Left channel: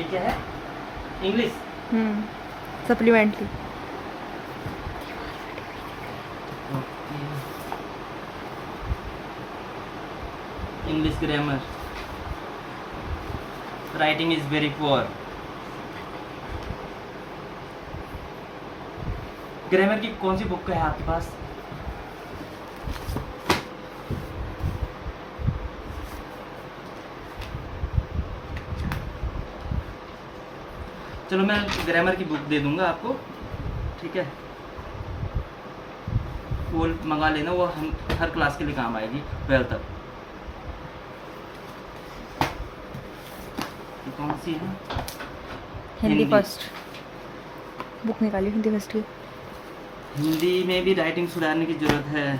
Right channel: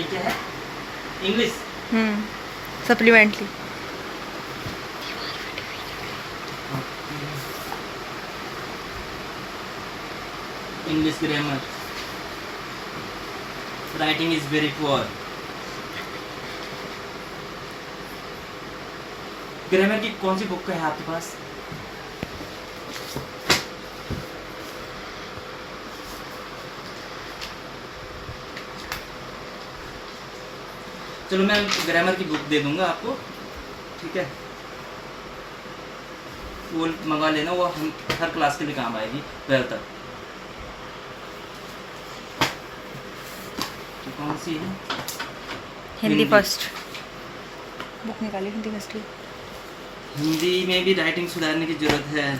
ये क्या है? English. Supplementary. English grammar. Writing is very poor. Grammar की कौन सी बुक है आपके पास? चलो मैं ग्रामर की बुक दे दूंगा आपको, ठीक है? वो मंगा लेना, वो हम हर क्लास के लिए काम आएगी 12 तक। तो कौन सी है? हिंदी फर्स्ट बुक निकाली, हिंदी फर्स्ट की। हिंदी में भी राइटिंग सुधारने की जरूरत है।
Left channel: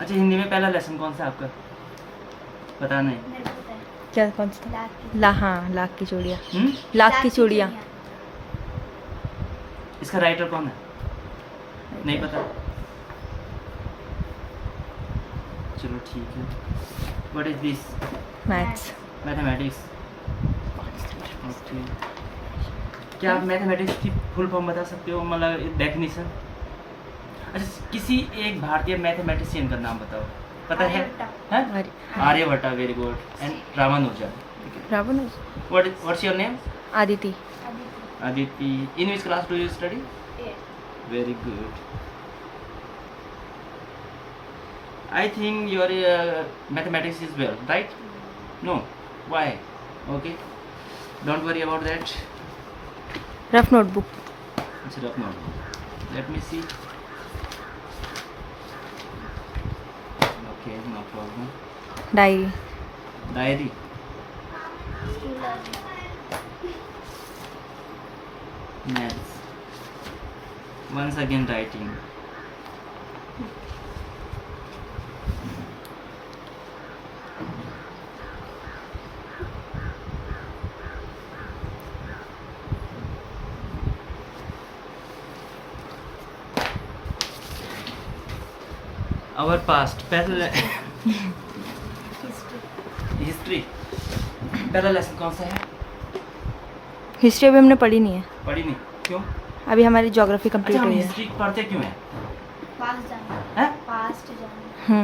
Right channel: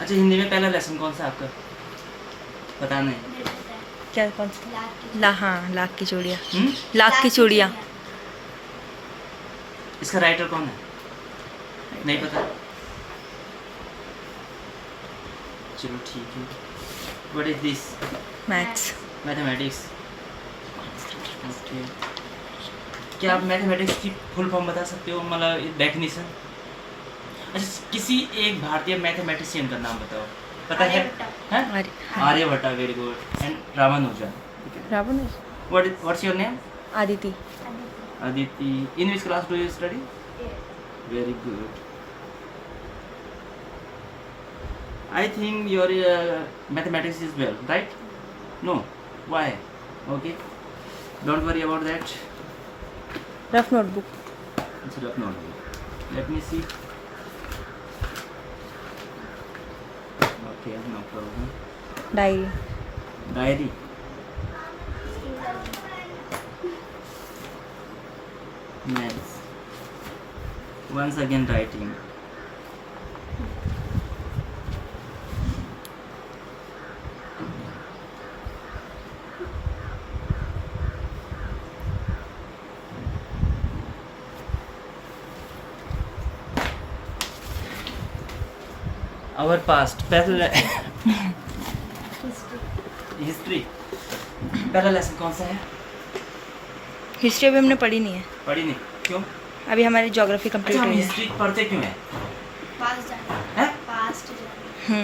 अच्छा, हिंदी में पहला लेसन कौन सा आपका? पता नहीं। क्या कौन सा? हाँ, लाख की चूड़ियाँ। लाख की चूड़ियाँ। इसका राइटर कौन है? नहीं पता। चलो ठीक है। What is this? Maths. Mathematics. Okay. क्या आप मैथमेटिक्स की फुल फॉर्म बता सकते हो, मतलब डेफिनेशन? अच्छा, किसी एक भारतीय मैथमेटिशियन का नाम बताओ। पता है? हैं? Aryabhata, very good. And Ramanujan. Ravan. What's your name? Aditi. Aditi. In which class do you study? Very good. I think your mathematics is well, right? No. Why? Okay. Don't worry about that. Rough notebook. It's a rough notebook. Let me see. Okay, no problem. Diary. Diary. Maths. Once again writing. Our past. पहला history. पहला lesson कौन सा है? History अभी हमने पढ़ी नहीं है, पढ़ी नहीं? क्यों? अभी हमारी ज्योग्राफी कंप्लीट अच्छा, हम हुई है। हिस्ट्री पढ़ते क्यों हैं?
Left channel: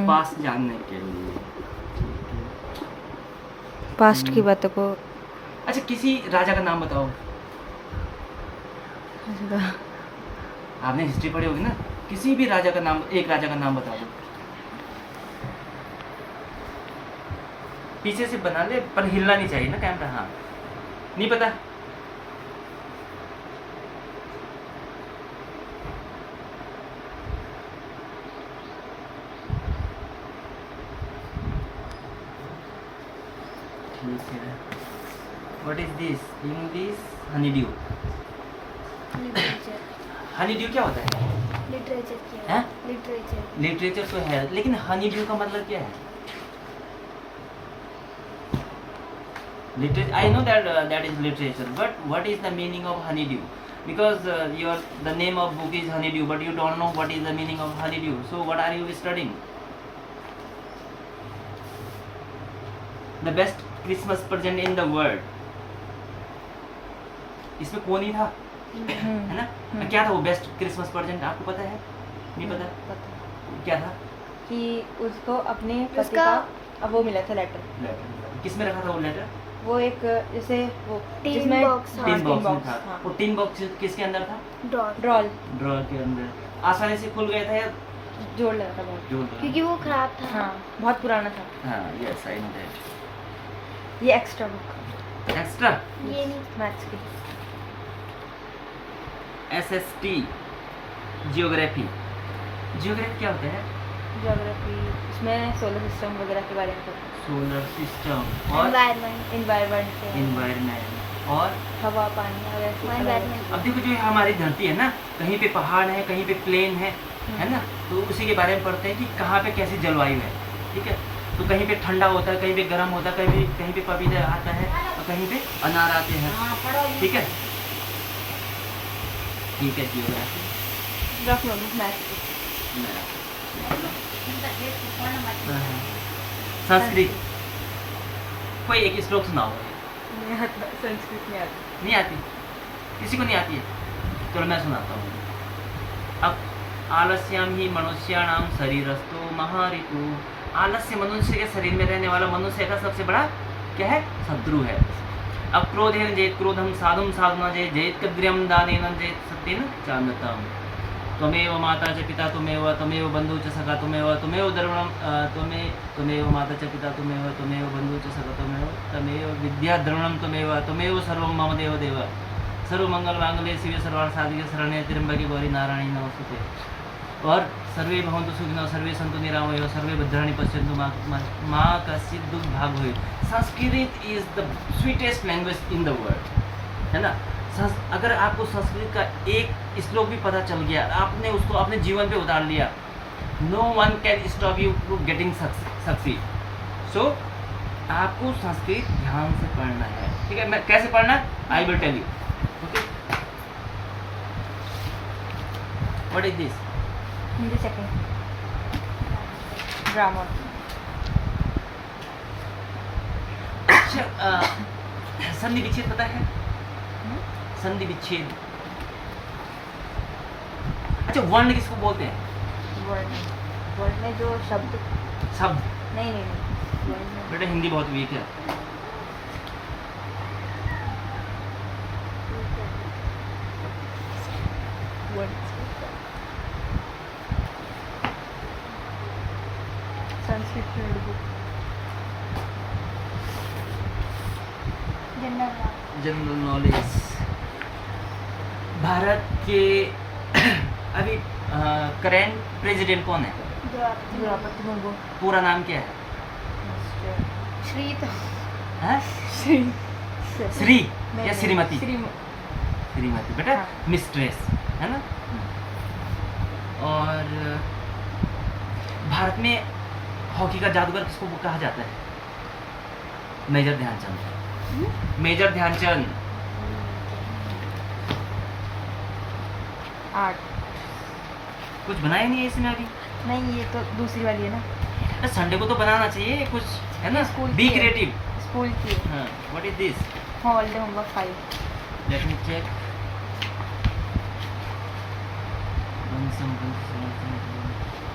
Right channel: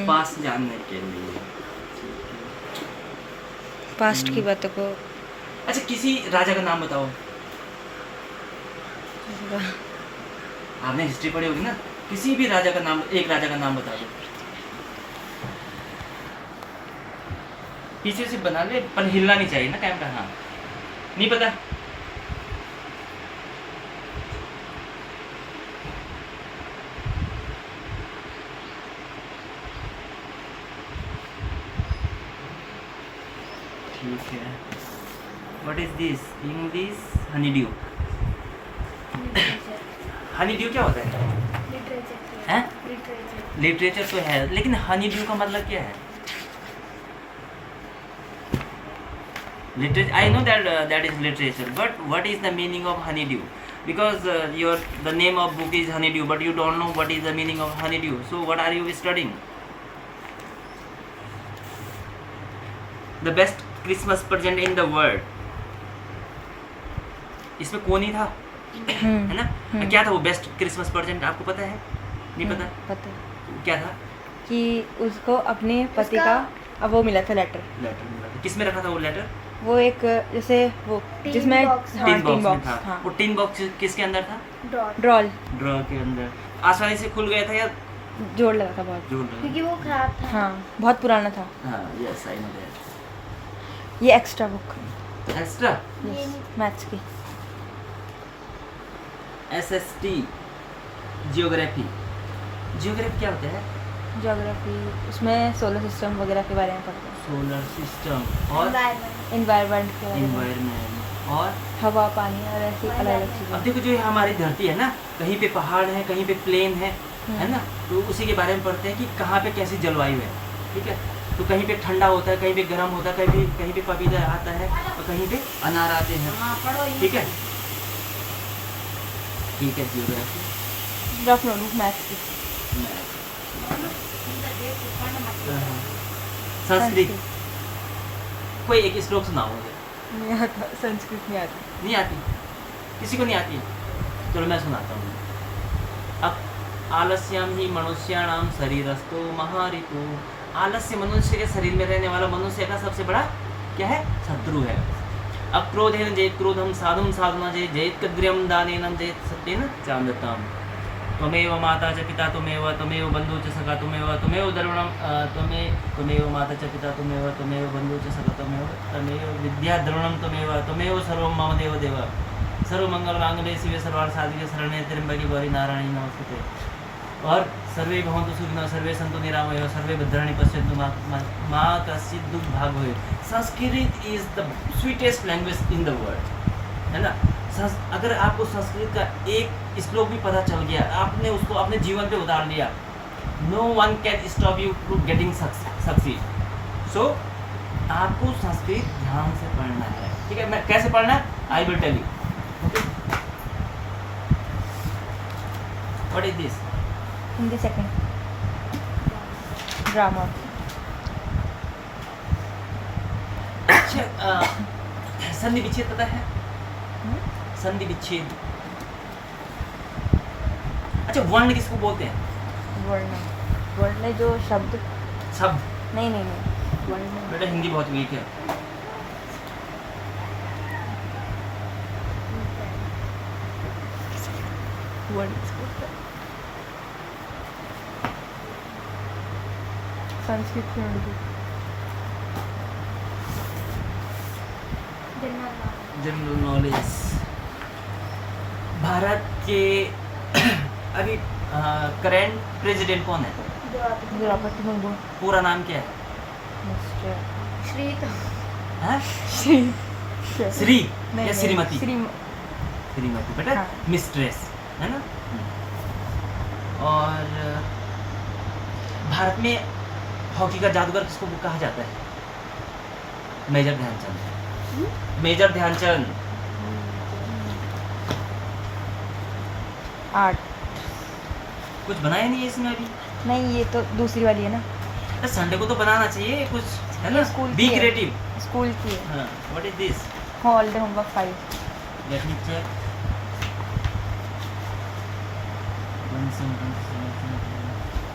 पास्ट जानने के लिए। पास्ट की बातों को। अच्छा, किसी राजा का नाम बताओ। आपने हिस्ट्री पढ़ी होगी ना? किसी भी राजा का नाम, एक राजा का नाम बता दो। पीछे से बना ले, पर हिलना नहीं चाहिए ना कैमरा। हाँ, नहीं पता? ठीक है। What is this? English honeydew. Honeydew क्या होता है? हैं? लिटरेचर तो है, लेकिन हनीड्यू का मतलब क्या है? Literature. I know that that is literature, but what is the meaning of honeydew? Because the name of book is honeydew, but you don't know what is the meaning of honeydew. So what are you studying? The best Christmas present in the world. इसमें कौन ही था, है ना? क्या था वो best Christmas present? आपको पता है? नहीं पता? पता क्या था? कि उसको अपने पति का वो मिला था लेटर। लेटर किस में रखा था वो लेटर? वो एक जैसे वो जिसमें टिन बॉक्स में था। हाँ। वो टिन बॉक्स किसके अंदर था? ड्रॉल के अंदर। आसानी से खुल गया था या जोड़ लगा था बहुत, जोड़ लगा? क्योंकि वो खराब था। हाँ बहुत पुराना था। हाँ, यस आई नो दैट। ये एक्स्ट्रा बुक। एक्स्ट्रा मैथ्स की। SST geography. जियोग्राफी क्या होता है? ज्योग्राफी उसमें सोलर सिस्टम वगैरह के बारे में पढ़ा। सोलर सिस्टम और एनवायरनमेंट और हवा पानी और ऐसी अलग। अब देखो, जो हमारी धरती है ना, कहीं पे पहाड़ है, कहीं पे प्लेन है ना? तो उसी के बारे में पढ़ते हैं कि कहाँ पे कैसी जलवायु है, ठीक है? तो कहीं पे ठंडा होता है, कहीं पे गर्म होता है, कहीं पे पपीता आता है और कहीं पे अनार आते हैं, ठीक है? ठीक है, जियोग्राफी। रफ नोटबुक मैथ्स की। संस्कृत कोई एक श्लोक सुनाओ मुझे। नहीं आता, संस्कृत नहीं आती। नहीं आती, किसी को नहीं आती है। चलो मैं सुनाता हूँ। अब आलस्याम ही मनुष्याणाम शरीरस्थो महारितु। आलस्य मनुष्य के शरीर में रहने वाला मनुष्य का सबसे बड़ा क्या है? शत्रु है। अब क्रोधेन जेत क्रोधम साधुम साधुना जेत जेत कद्रियम दानेन जेत सत्येन चांदतम। त्वमेव माता च पिता त्वमेव बंधु च सखा त्वमेव द्रविणम त्वमेव माता च पिता त्वमेव बंधु च सखा त्वमेव विद्या द्रविणम त्वमेव सर्वं मम देव देव सर्वमंगल मांगल्ये शिवे सर्वार्थ साधिके शरण्ये त्र्यंबके गौरी नारायणी नमोस्तुते। और सर्वे भवन्तु सुखिनः सर्वे सन्तु निरामयाः सर्वे भद्राणि पश्यन्तु मां कश्चित् दुःख भाग होय। Sanskrit is the sweetest language in the world, है ना। अगर आपको संस्कृत का एक श्लोक भी पता चल गया, आपने उसको अपने जीवन पे उतार लिया, no one can stop you to getting succeed. So आपको संस्कृत ध्यान से पढ़ना है, ठीक है। मैं कैसे पढ़ना है I will tell you, okay. What is this? Hindi second drama. अच्छा, संधि विच्छेद पता है? संधि विच्छेद। अच्छा, वर्ण किसको बोलते हैं? वर्ण, वर्ण में जो शब्द शब्द। नहीं नहीं नहीं वर्ण में बेटा हिंदी बहुत वीक है। वर्ण Sanskrit notebook. General knowledge. Bharat के अभी करेंट प्रेसिडेंट कौन है? द्रौपदी मुर्मू। पूरा नाम क्या है? श्री हाँ? श्री श्री नहीं, या श्रीमती? श्रीमती बेटा, हाँ। मिस्ट्रेस है ना। और भारत में हॉकी का जादूगर किसको कहा जाता है? Major Dhyan Chand. Major Dhyan Chand. Art. कुछ बनाया नहीं है इसमें अभी? नहीं, ये तो दूसरी वाली है ना। अरे संडे को तो बनाना चाहिए कुछ, है ना। स्कूल बी की है। क्रिएटिव। स्कूल की है। हाँ, what is this? Holiday homework 5। Let me check.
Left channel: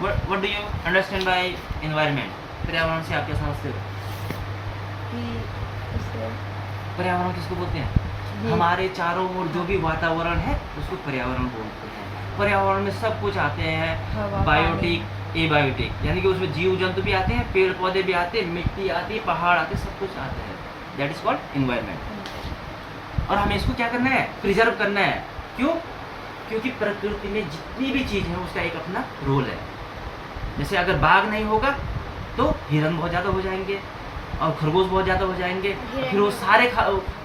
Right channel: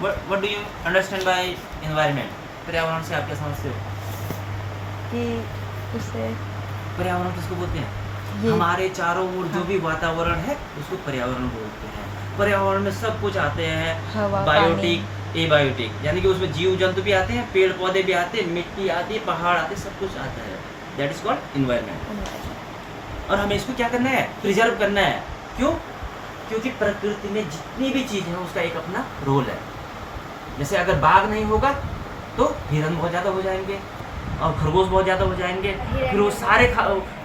What do you understand by environment? पर्यावरण से आप क्या समझते हो? कि उससे पर्यावरण किसको बोलते हैं? हमारे चारों ओर जो भी वातावरण है उसको पर्यावरण बोलते हैं। पर्यावरण में सब कुछ आते हैं, हवा, बायोटिक, एबायोटिक, यानी कि उसमें जीव जंतु भी आते हैं, पेड़ पौधे भी आते हैं, मिट्टी आती है, पहाड़ आते हैं, सब कुछ आता है। That is called environment. और हमें इसको क्या करना है? प्रिजर्व करना है। क्यों? क्योंकि प्रकृति में जितनी भी चीज़ है उसका एक अपना रोल है। जैसे अगर बाघ नहीं होगा तो हिरन बहुत ज़्यादा हो जाएंगे और खरगोश बहुत ज़्यादा हो जाएंगे, फिर वो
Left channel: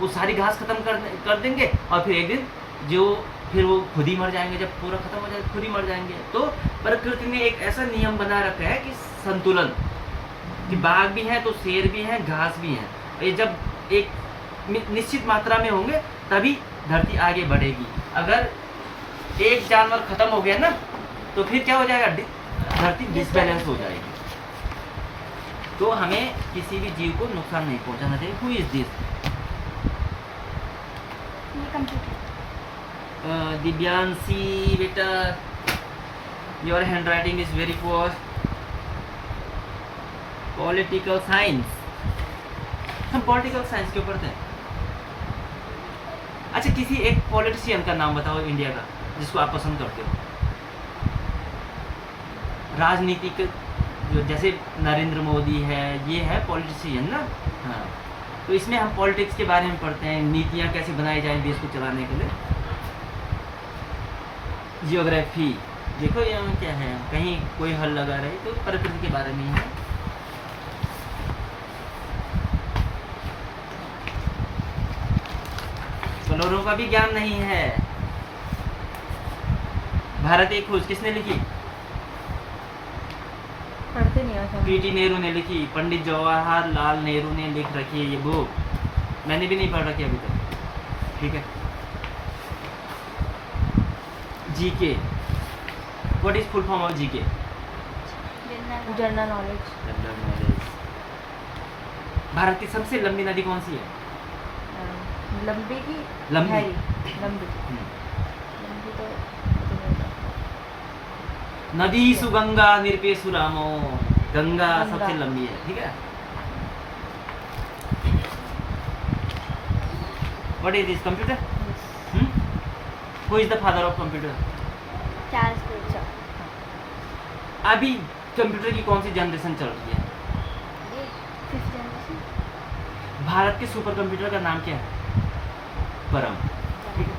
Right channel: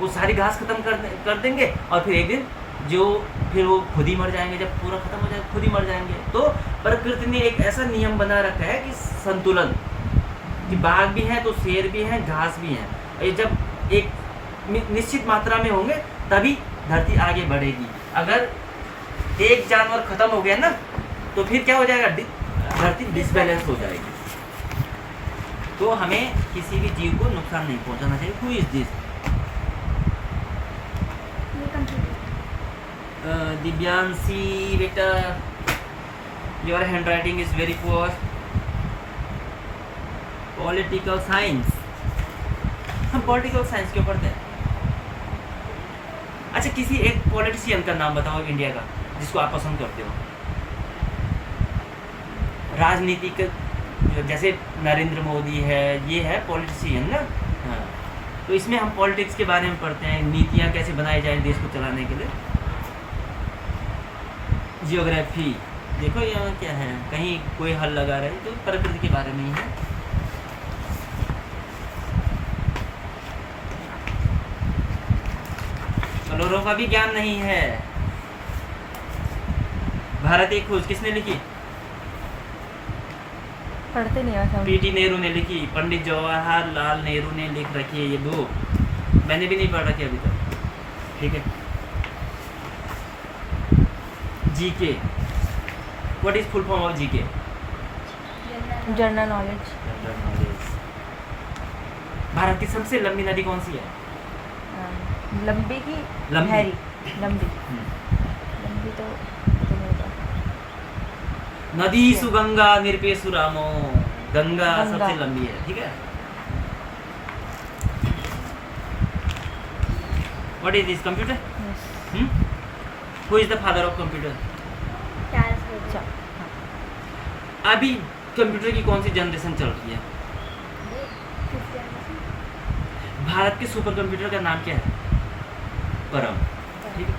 सारी घास खत्म कर देंगे और फिर एक दिन फिर वो खुद ही मर जाएंगे। जब पूरा खत्म हो जाएगा खुद ही मर जाएंगे। तो प्रकृति ने एक ऐसा नियम बना रखा है कि संतुलन, कि बाघ भी हैं तो शेर भी हैं, घास भी हैं। और ये जब एक निश्चित मात्रा में होंगे तभी धरती आगे बढ़ेगी। अगर एक जानवर खत्म हो गया ना तो फिर क्या हो जाएगा? धरती डिसबैलेंस हो जाएगी। तो हमें किसी भी जीव को नुकसान नहीं पहुंचाना चाहिए। Who is this? दिव्यांशी बेटा, your hand writing is very poor. Political science. हम पॉलिटिकल साइंस क्यों पढ़ते हैं? अच्छा, किसी एक पॉलिटिशियन का नाम बताओ इंडिया का जिसको आप पसंद करते हो। राजनीतिक जो जैसे नरेंद्र मोदी है, ये है पॉलिटिशियन ना। हाँ, तो इसमें हम पॉलिटिक्स के बारे में पढ़ते हैं, नीतियाँ कैसे बनाई जाए देश को चलाने के लिए। जियोग्राफी, देखो यहाँ क्या है, कहीं कोई हल लगा रहे तो प्रकृति के बारे में ही है। कलोरों का भी ज्ञान नहीं है। भारत एक खोज किसने लिखी? पढ़ते नहीं है। पीटी नेहरू ने लिखी। पंडित जवाहरलाल नेहरू ने लिख रखी है ये बुक। मैंने भी नहीं पढ़ रखी अभी तक, ठीक है। GK, what is full form of GK? General knowledge. General knowledge. Bharat की सबसे लंबी नदी कौन सी है? लंबी की लंबी। गहरी? लंबी हम्म। लंबी तो नहीं पता। नदी सुगंगा निरपेशु रामो। गंगा गंगा। सबसे लंबी है, ठीक है। What is this computer? Yes. Who is the father of computer? अच्छा, अभी कंप्यूटर की कौन सी जनरेशन चल रही है? भारत के सुपर कंप्यूटर का नाम क्या है? परम, ठीक है।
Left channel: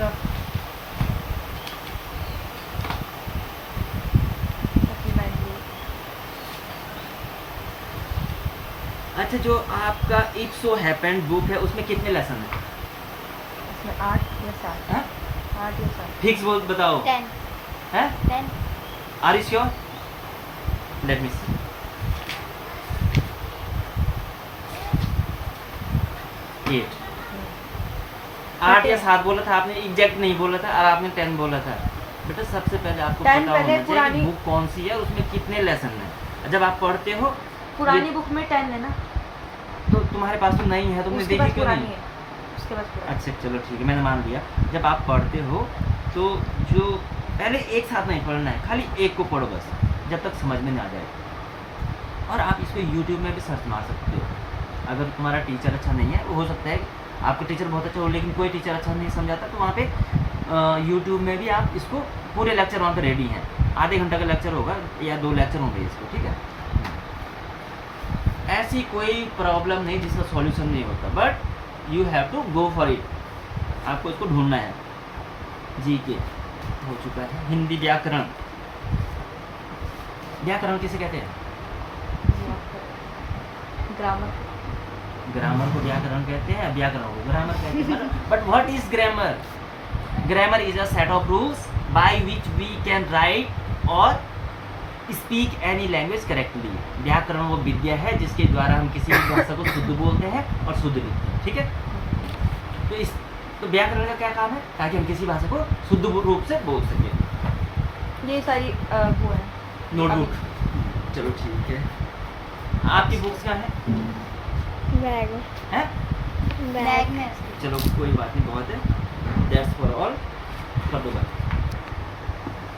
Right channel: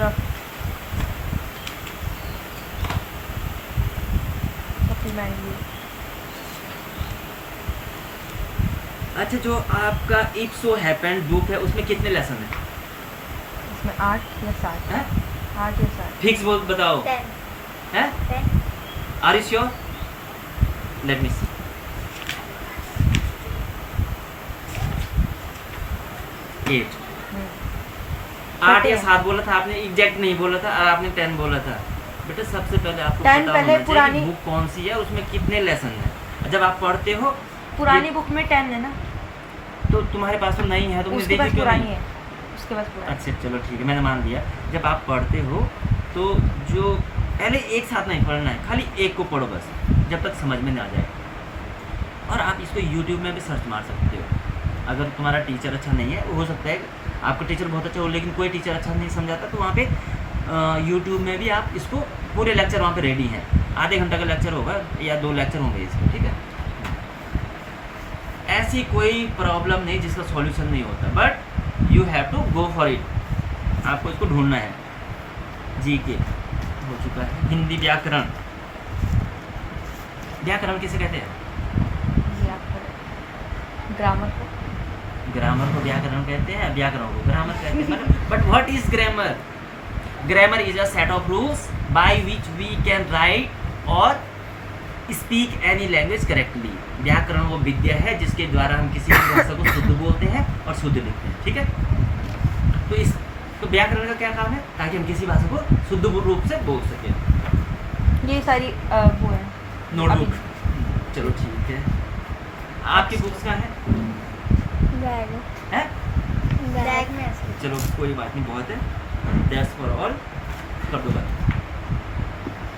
रफ। supplementary। अच्छा, जो आपका इफ सो हैपेंड बुक है उसमें कितने लेसन है? इसमें 8 या 7। हैं? 8 या 7। फिक्स बोल बताओ। 10 हैं? 10 are you sure? Let me see. 8 8 या 7 बोला था आपने, एग्जैक्ट नहीं बोला था, और आपने 10 बोला था। बेटा सबसे पहले आपको 10 पता पहले होना चाहिए कि पुरानी- बुक कौन सी है, उसमें कितने लेसन है। जब आप पढ़ते हो पुरानी ये- बुक में 10 है ना? तो तुम्हारे पास तो नहीं है, तुमने उसके देखी पास क्यों पुरानी नहीं? है, उसके पास पुरानी। अच्छा चलो ठीक है, मैंने मान लिया। जब आप पढ़ते हो तो जो पहले एक साथ नहीं पढ़ना है, खाली एक को पढ़ो बस, जब तक समझ में ना आ जाए। और आप इसको यूट्यूब में भी सर्च मार सकते हो। अगर तुम्हारा टीचर अच्छा नहीं है, हो सकता है आपका टीचर बहुत अच्छा हो लेकिन कोई टीचर अच्छा नहीं समझाता, तो वहाँ पे यूट्यूब में भी आप इसको पूरे लेक्चर वहाँ पे रेडी हैं। आधे घंटे का लेक्चर होगा या 2 लेक्चर होंगे इसको, ठीक है। ऐसी कोई प्रॉब्लम नहीं जिसका सॉल्यूशन नहीं होता, but you have to go for it. आपको इसको ढूंढना है। जी के हो चुका है। हिंदी व्याकरण। व्याकरण किसे कहते हैं? ग्रामर। ग्रामर को व्याकरण कहते हैं, व्याकरण को ग्रामर कहते हैं। But what is grammar? Grammar is a set of rules by which we can write or speak any language correctly. व्याकरण वो विद्या है जिसके द्वारा हम किसी भी भाषा को शुद्ध बोलते हैं और शुद्ध लिखते हैं, ठीक है। तो व्याकरण का क्या काम है? ताकि हम किसी भाषा को शुद्ध रूप से बोल सकें। ये सारी वो है नोटबुक। चलो ठीक है। आपकी बुक्स कहाँ है? बैग हैं? बैग में चलो कोई बात नहीं, बहुत है। That's for all. कर दो बाय।